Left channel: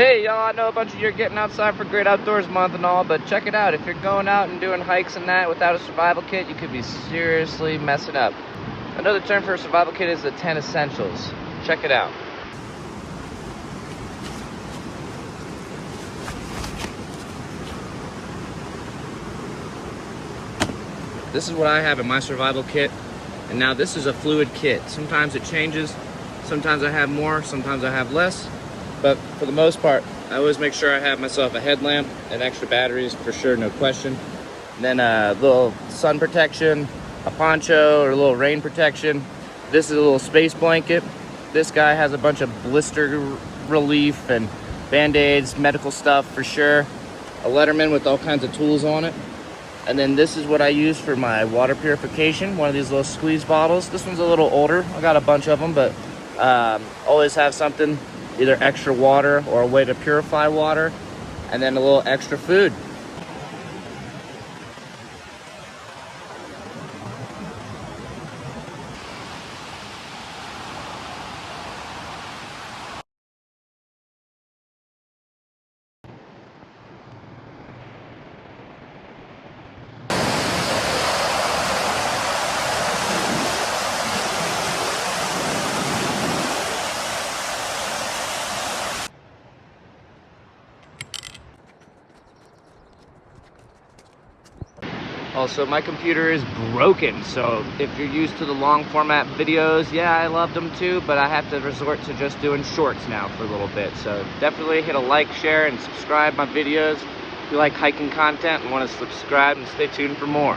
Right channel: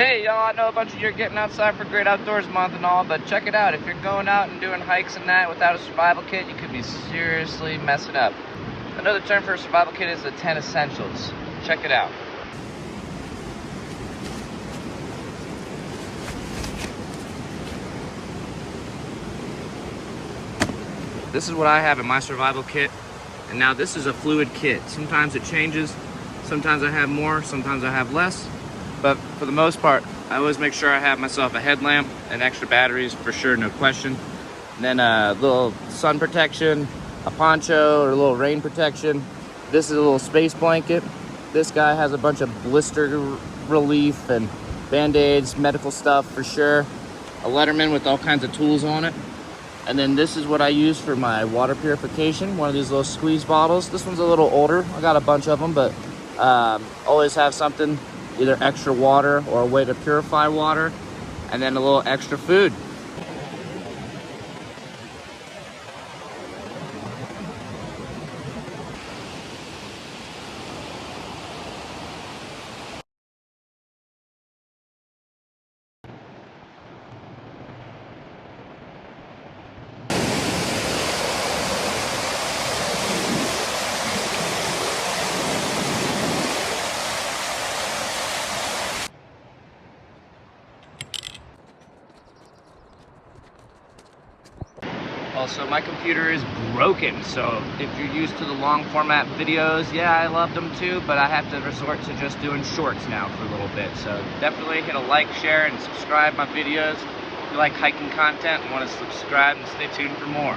Hey y'all, I know a bunch of you are getting outside for Great Outdoors Month and all, but check it out. If you're going out and doing hikes and that without a survival kit, you could be seriously messing up. I know the term for a survival kit is the 10 essentials. Check it out. This is what I have in my survival kit, and now this is a fluid kit. Sometimes it changes, sometimes I have more, sometimes I have less. But for the most part, I always make sure I have myself a headlamp and extra batteries for sure, no question. And then a little sun protection, a poncho or a little rain protection. This is a little space blanket. This guy has a bunch of blister relief and band-aids, medical stuff for sure. A Letterman with all kinds of tools on it. And then this is what I use for my water purification, one of these little squeeze bottles. This one's a little older. I got a bunch of them, but always have something, either extra water or a way to purify water, and then a little extra food. Also, my computer is broken, so if you're used to the long format videos, yeah, I love them too, but I have to resort to just doing shorts now for a little bit. So definitely hit a like, share, and subscribe my videos. If you like hiking content and want to subscribe and stay tuned for more.